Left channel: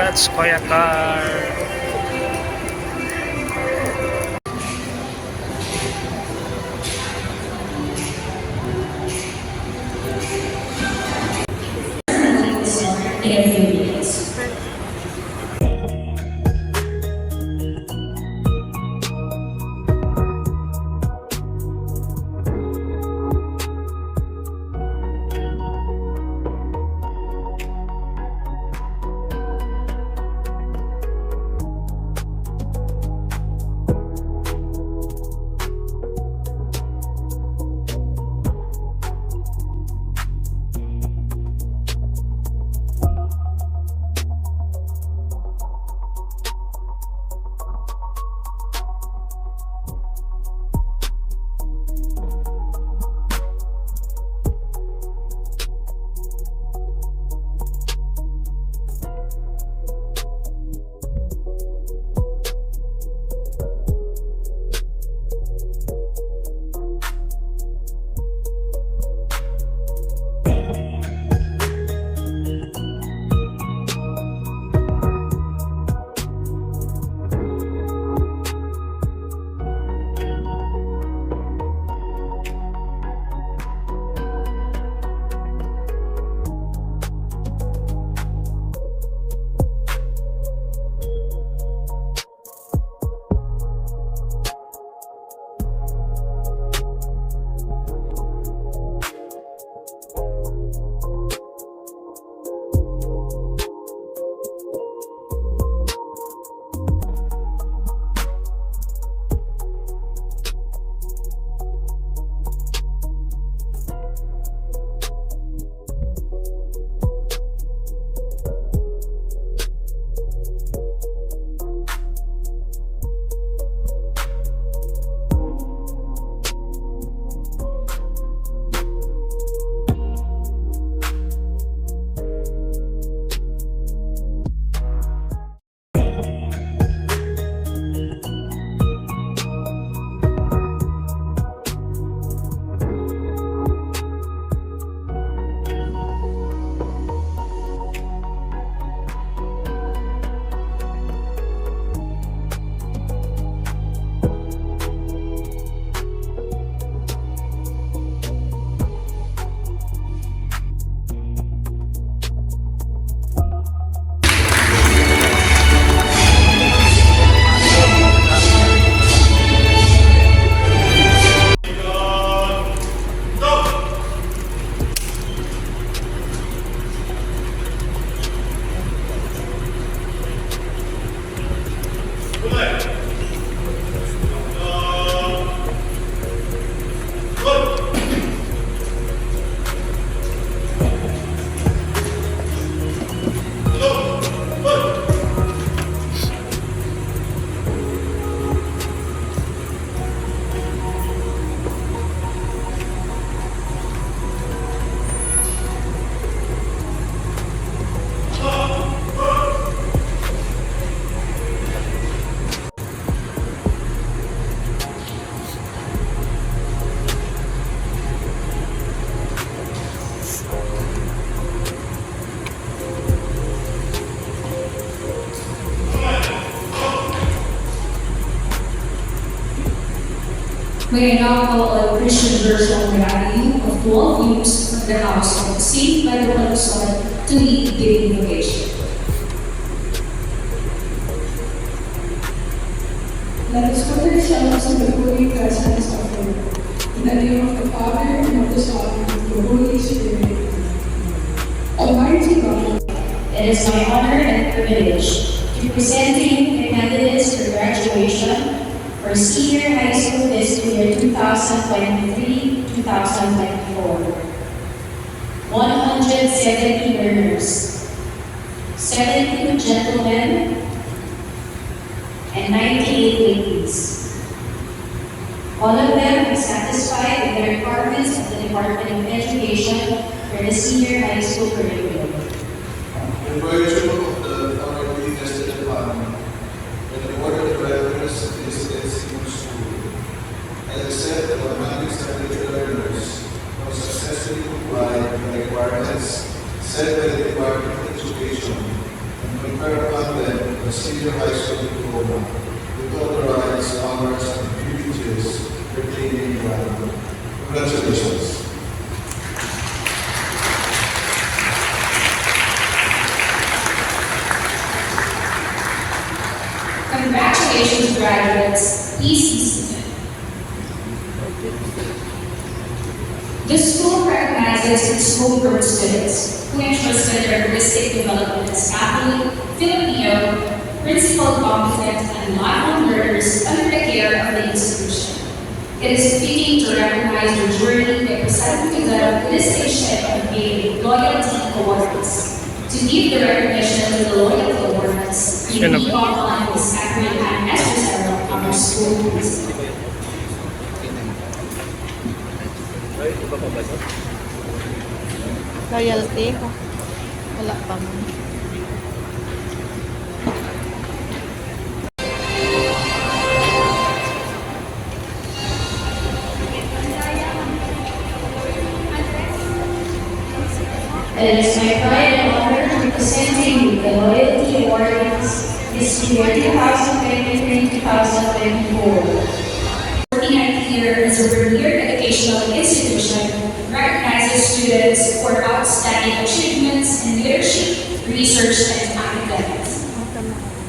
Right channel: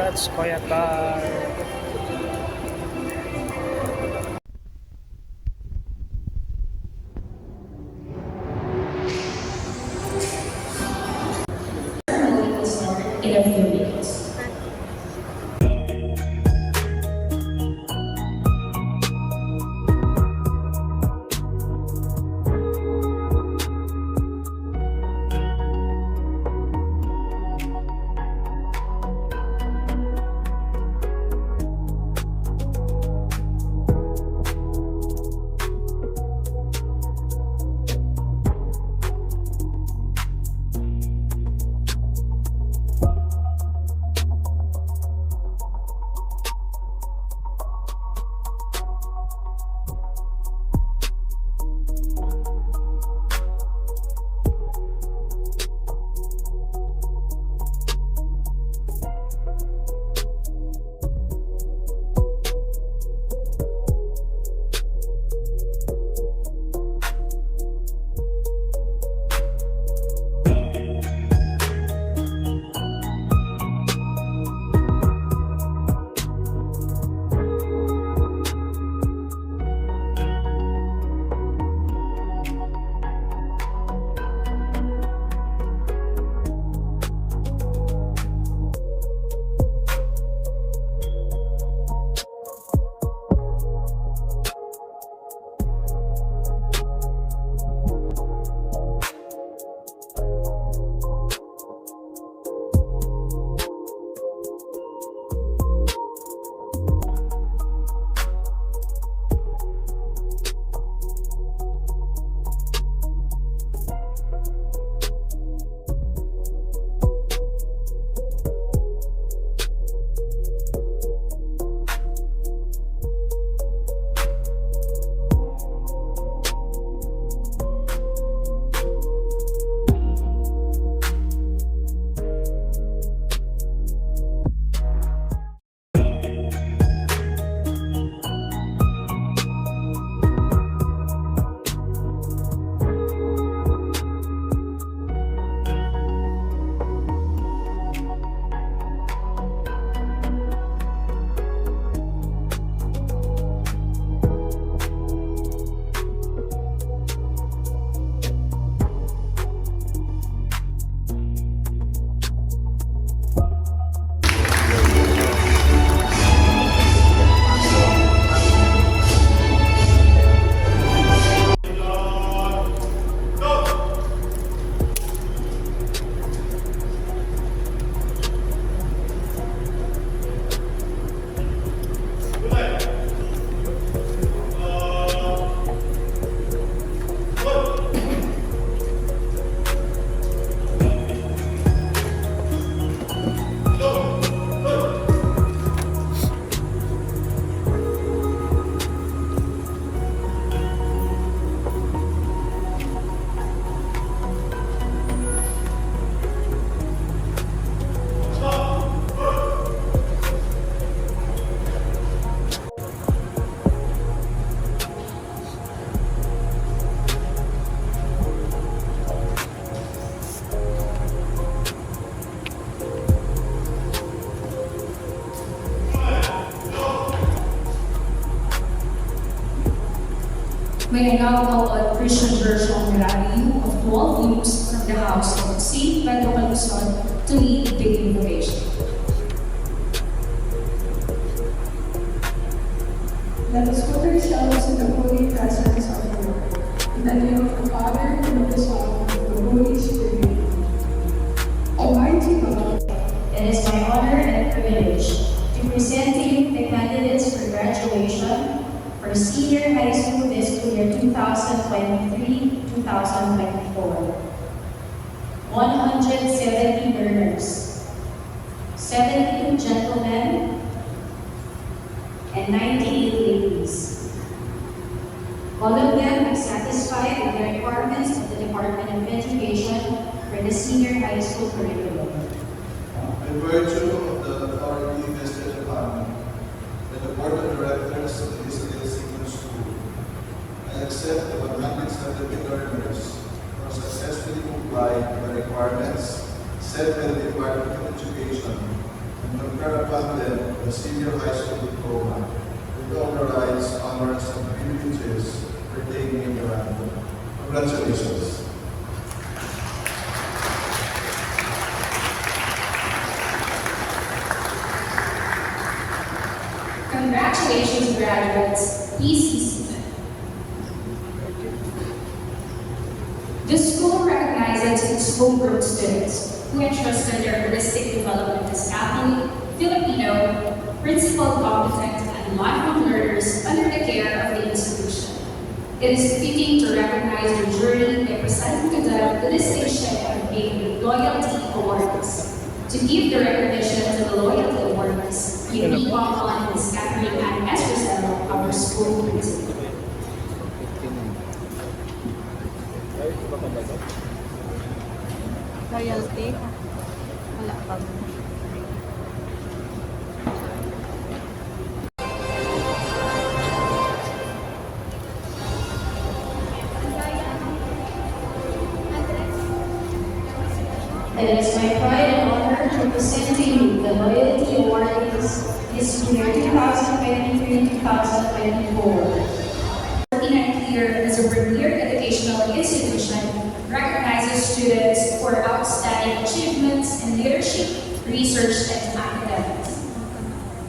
Congrats, Kuya Car. In a few minutes. May I now call on Christian Virgil Rally of 12 youths from the House of St. Michael Aluson to lead the invocation. Let us put ourselves in the holy presence of the Lord. In the name of the Father, and of the Son, and of the Holy Spirit. Almighty God, It is my honor and privilege to present to you the candidates for graduation for senior high school fiscal year 2023-2024. 170 learners, 72 gentlemen, and 98 ladies. All of them are satisfied with the requirements of the Department of Education for the senior high school curriculum. In virtue of the authority vested upon me by the Board of Directors of the Senior School, I accept the mathematics and learners who successfully complied with the requirements set by the Department of Education and concur the senior high school diploma with all the rights, honors, and privileges pertaining thereto. Congratulations. Congratulations, graduates. Please be seated. The school recognizes its schoolwork students who entrusted their holistic development as Catholic, Filipino, principled, competent, and lifelong learners under the care of the institution. It is fitting to recognize their journey by presenting to them the distinction of being Loyalty Awards. To give the recognition to the Loyalty Awards, we will call on Ms. Catherine Ann Esther, our school principal. Loyalty. Wala pa mo. It is my pride and honor to present to you the Loyalty Awards this year, 2023-2024. 49th year as a premier educational institution recognizes students for outstanding achievements in leadership, research, and academics.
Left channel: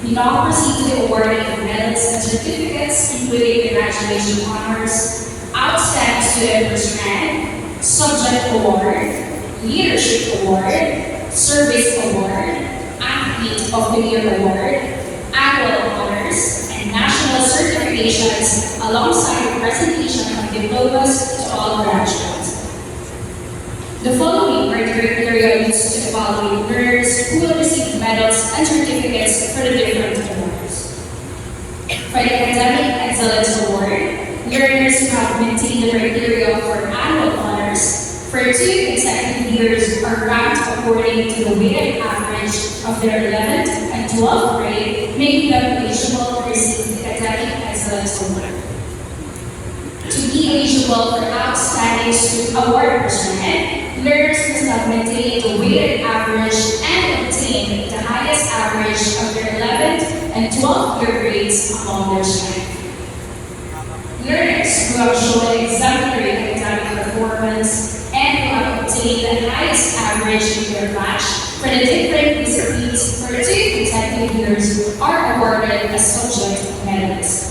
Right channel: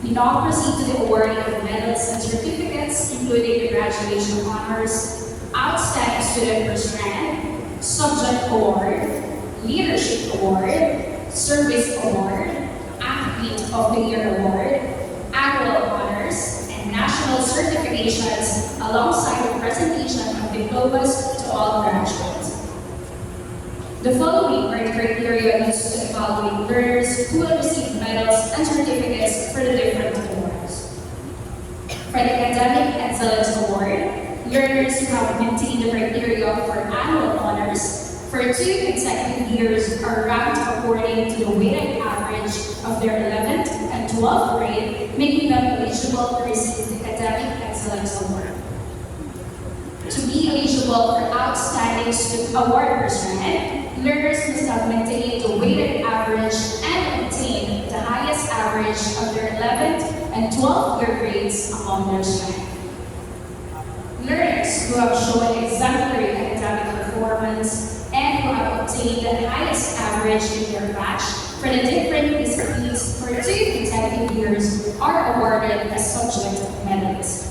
We now proceed to the awarding of medals and certificates, including congratulation honors, outstanding student first rank, subject award, leadership award, service award, athlete of the year award, annual honors, and national certifications alongside the presentation of diplomas to all graduates. The following are the criteria used to evaluate learners who will receive medals and certificates for the different awards. For the Academic Excellence Award, learners who have maintained the criteria for annual honors for 2 consecutive years are ranked according to the weighted average of their 11th and 12th grade, making them eligible to receive the Academic Excellence Award. To be eligible for Outstanding Student Award percent, learners must have maintained the weighted average and obtained the highest average of their 11th and 12th year grades among their strength. Learners who have shown exemplary academic performance and who have obtained the highest average in their batch for the different disciplines for 2 consecutive years are awarded as subject medalists.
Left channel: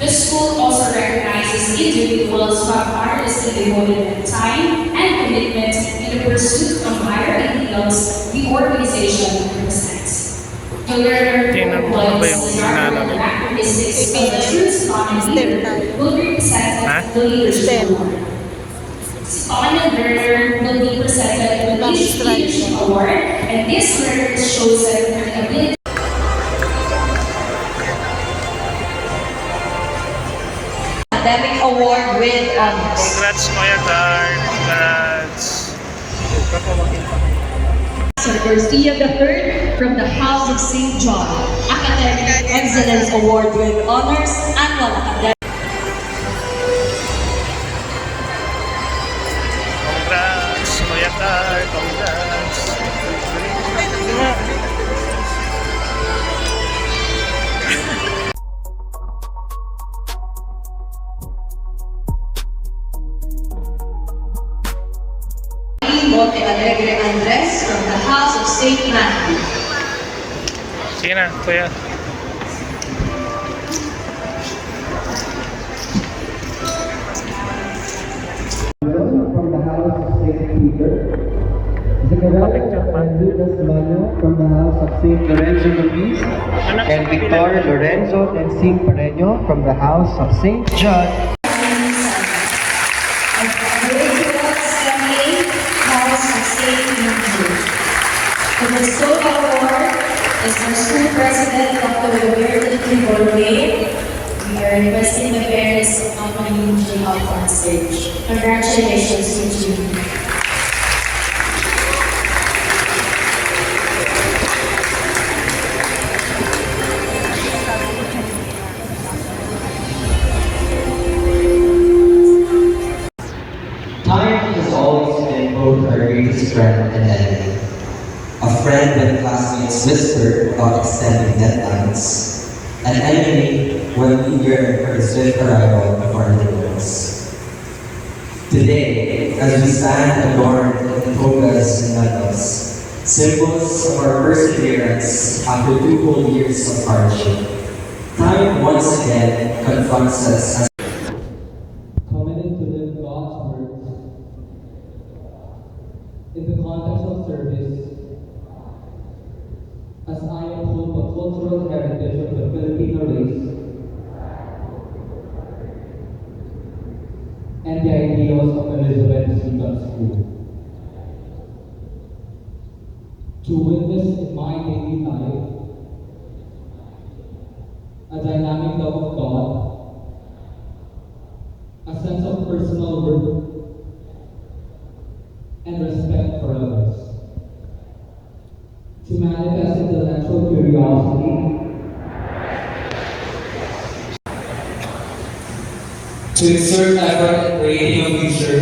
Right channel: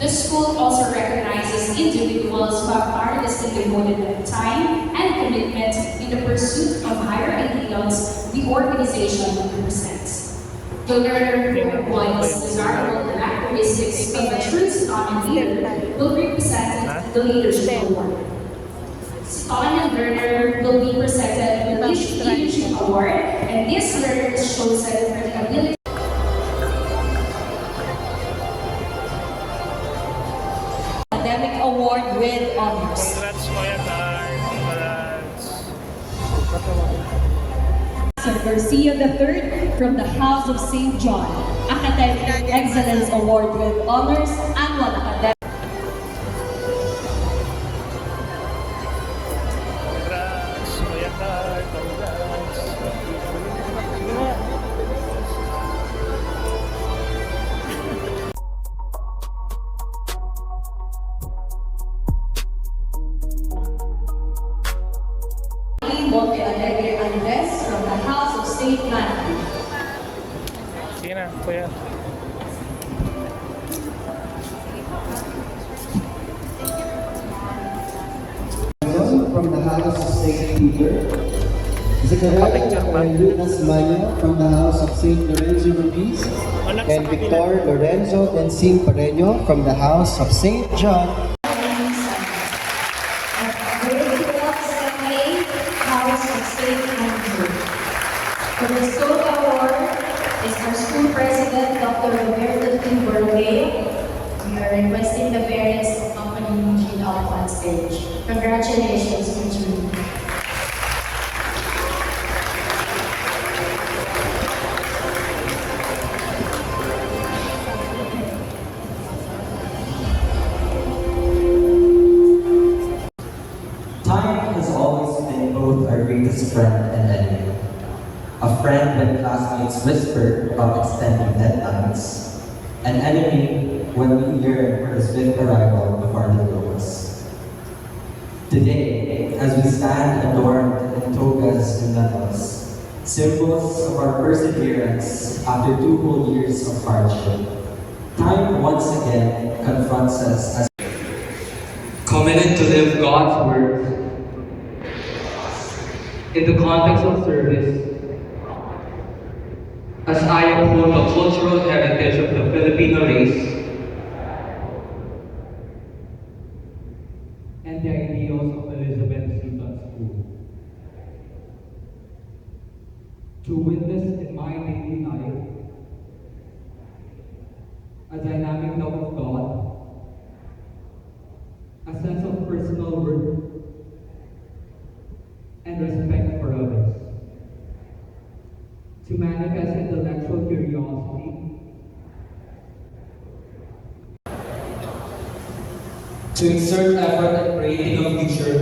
The school also recognizes individuals who have tirelessly devoted their time and commitment in the pursuit of higher ideals the organization represents. The learner who employs the characteristics of a true Stockholm leader will be presented the Leadership Award. Stockholm learner will be presented with each Leadership Award, and this learner is chosen for the ability Academic Award with honors. Congrats, Kuya Gar. Congrats. Sir Garcia III from the House of St. John, Academic Excellence Award with honors, annual academic. Congrats, Kuya Gar. Congrats. Monte Alegre Andres from the House of St. Matthew. Sige na, Kuya. From the House of St. Peter, Zachariah and Lucas Mano from the House of St. Lorenzo Ruiz, and Victor Lorenzo and Sing Pareño from the House of St. John. House of St. Andrew. The bestowal award is our school president, Dr. Roberto Kimberley. We are requesting the parents of Company Eugene up on stage. Congratulations, Eugene. Time has always been both her greatest friend and enemy. A friend when classmates once whispered about extending deadlines, an enemy when we yearn for the swift arrival of our heroes. Today, as we stand adorned in togas and medals, symbols of our perseverance after 2 whole years of hardship, time once again confronts us as committed to live God's word in the context of service, as I uphold the cultural heritage of the Filipino race and the ideals of Elizabeth Seton School. To witness in my daily life a dynamic love of God, a sense of personal worth, and respect for others. To manifest intellectual curiosity, to exert effort in creating a future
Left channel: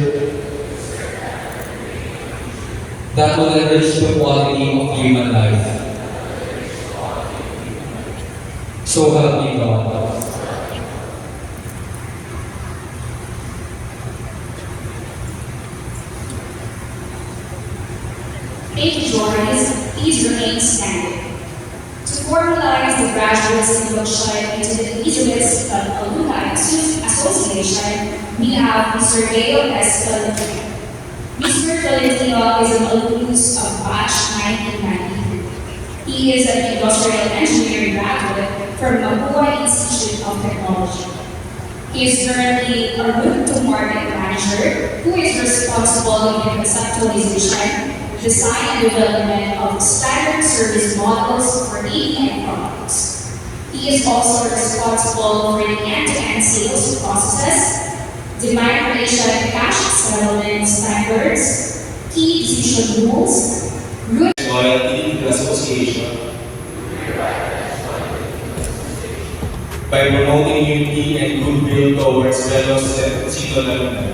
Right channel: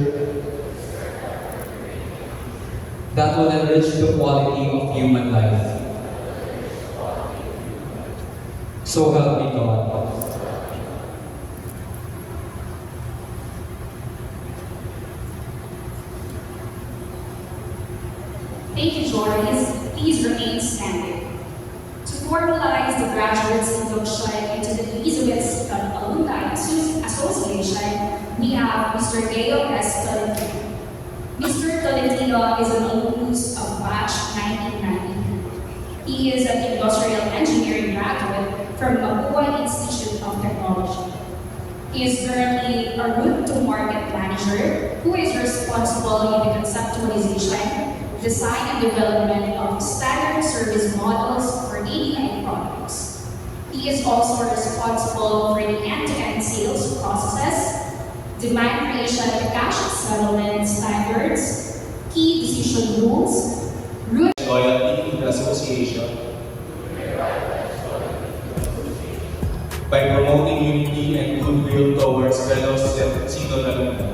that will enrich the quality of human life. So help me God. Thank you, Jordan. Please remain standing. To formalize the graduates induction into the Elizabeth Alumni Association, we have Mr. Gail S. Tolentino. Mr. Tolentino is an alumnus of batch 1993. He is an industrial engineering graduate from Mabuhay Institute of Technology. He is currently a route to market manager who is responsible for the conceptualization, design and development of standard service models for ATM products. He is also responsible for the end-to-end sales processes, demand creation, cash settlement standards, key decision rules, route loyalty to the association by promoting unity and goodwill towards fellow Seton alumni.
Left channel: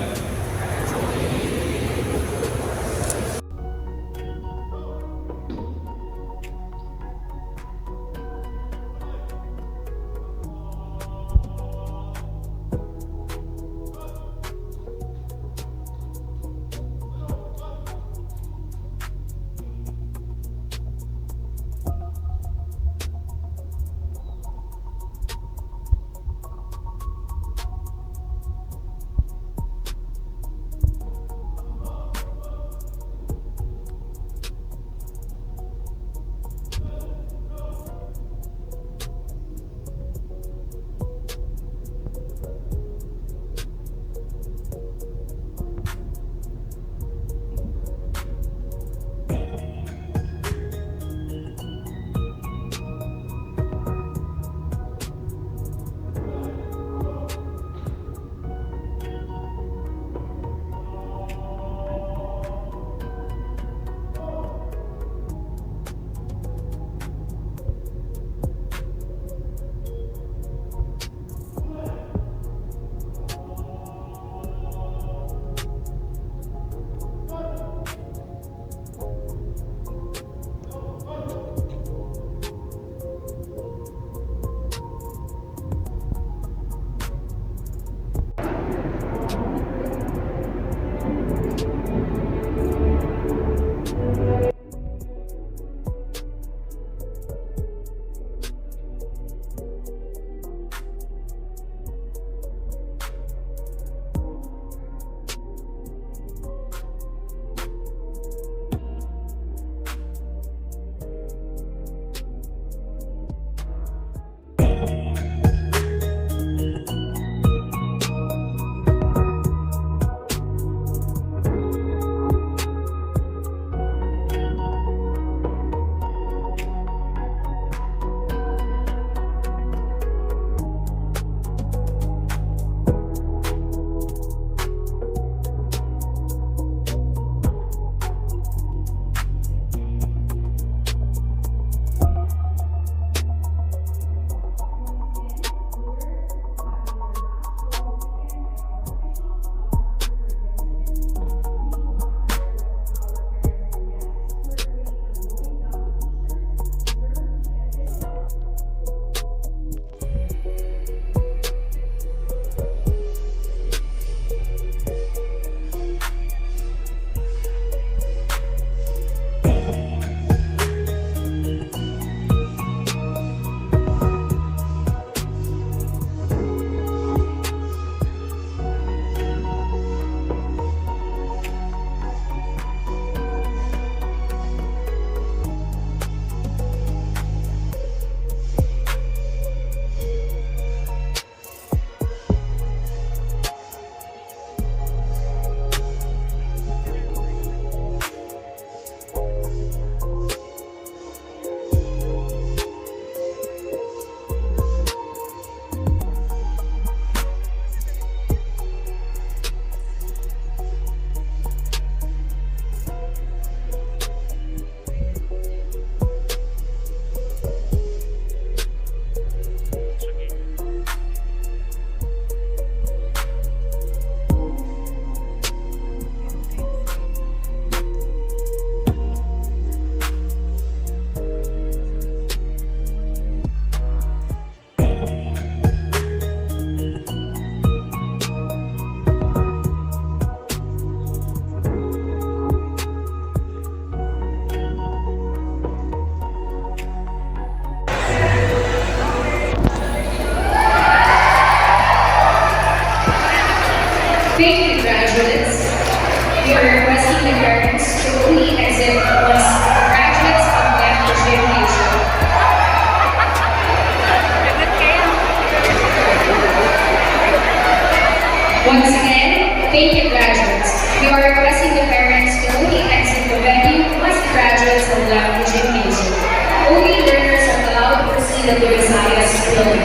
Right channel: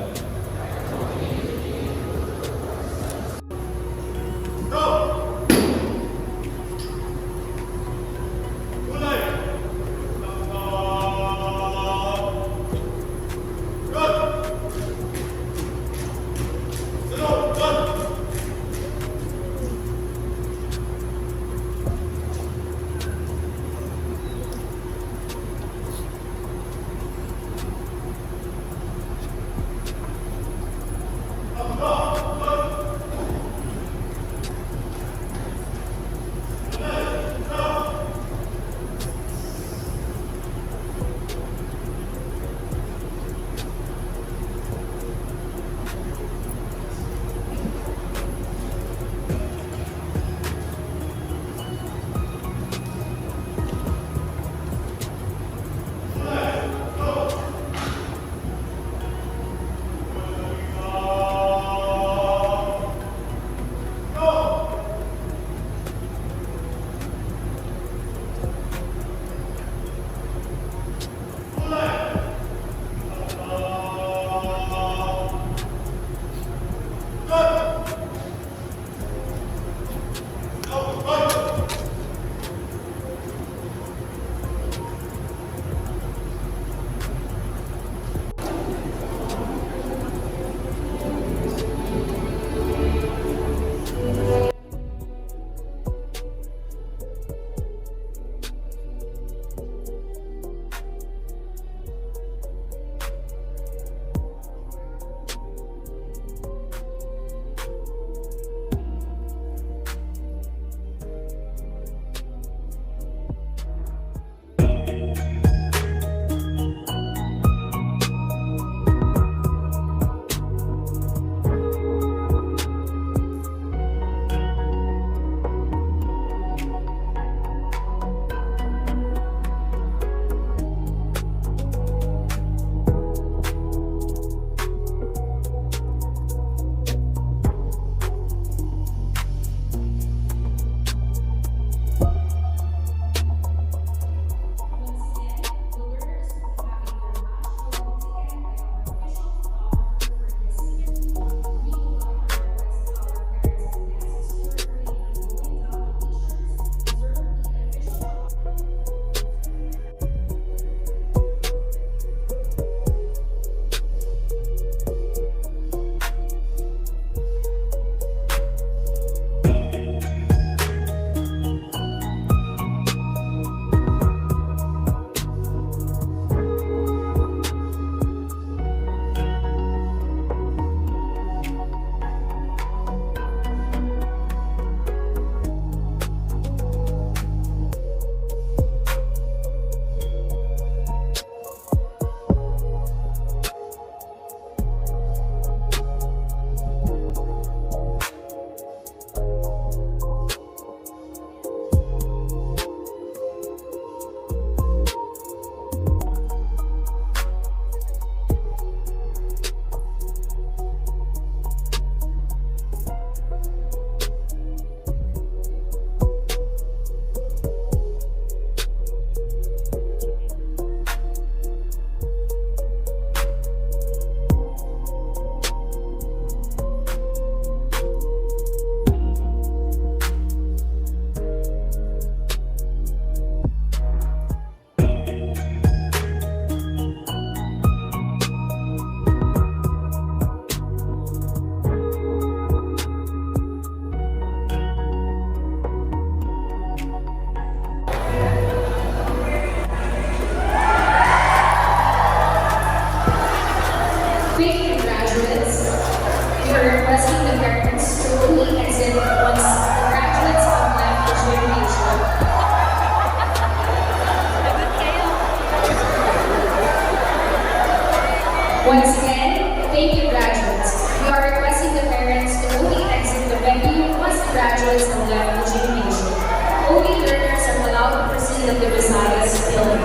President of Visayas will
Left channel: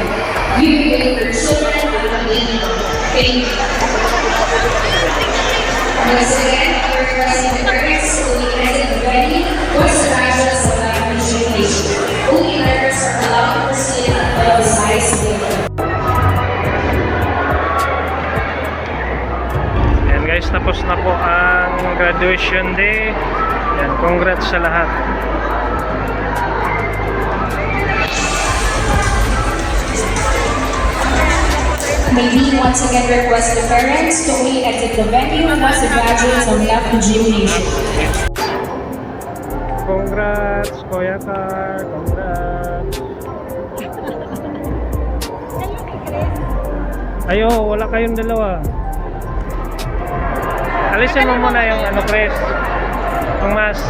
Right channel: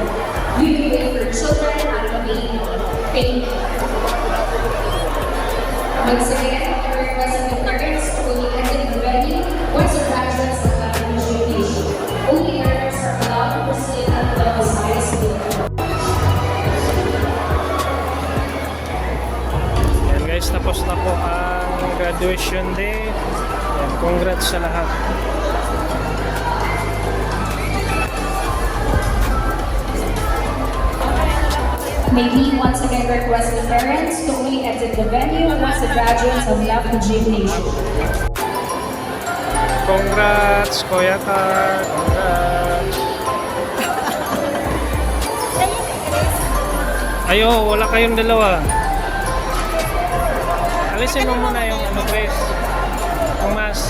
give her children and thank you. Once again, our President parents, only President Betty, was the graduates of the Nation. Only letters are allowed to proceed until the Visayas Day. Yan guys, tapos na po ang graduation day. Yan, congrats sa lahat. May we once again request the parents to only exit the venue once the graduates have left the gymnasium. Congrats, Kuya Carl. Congrats. Ayo, wala kayong dalawa. Alisin mo muna yung ano, Chris. Ang mas.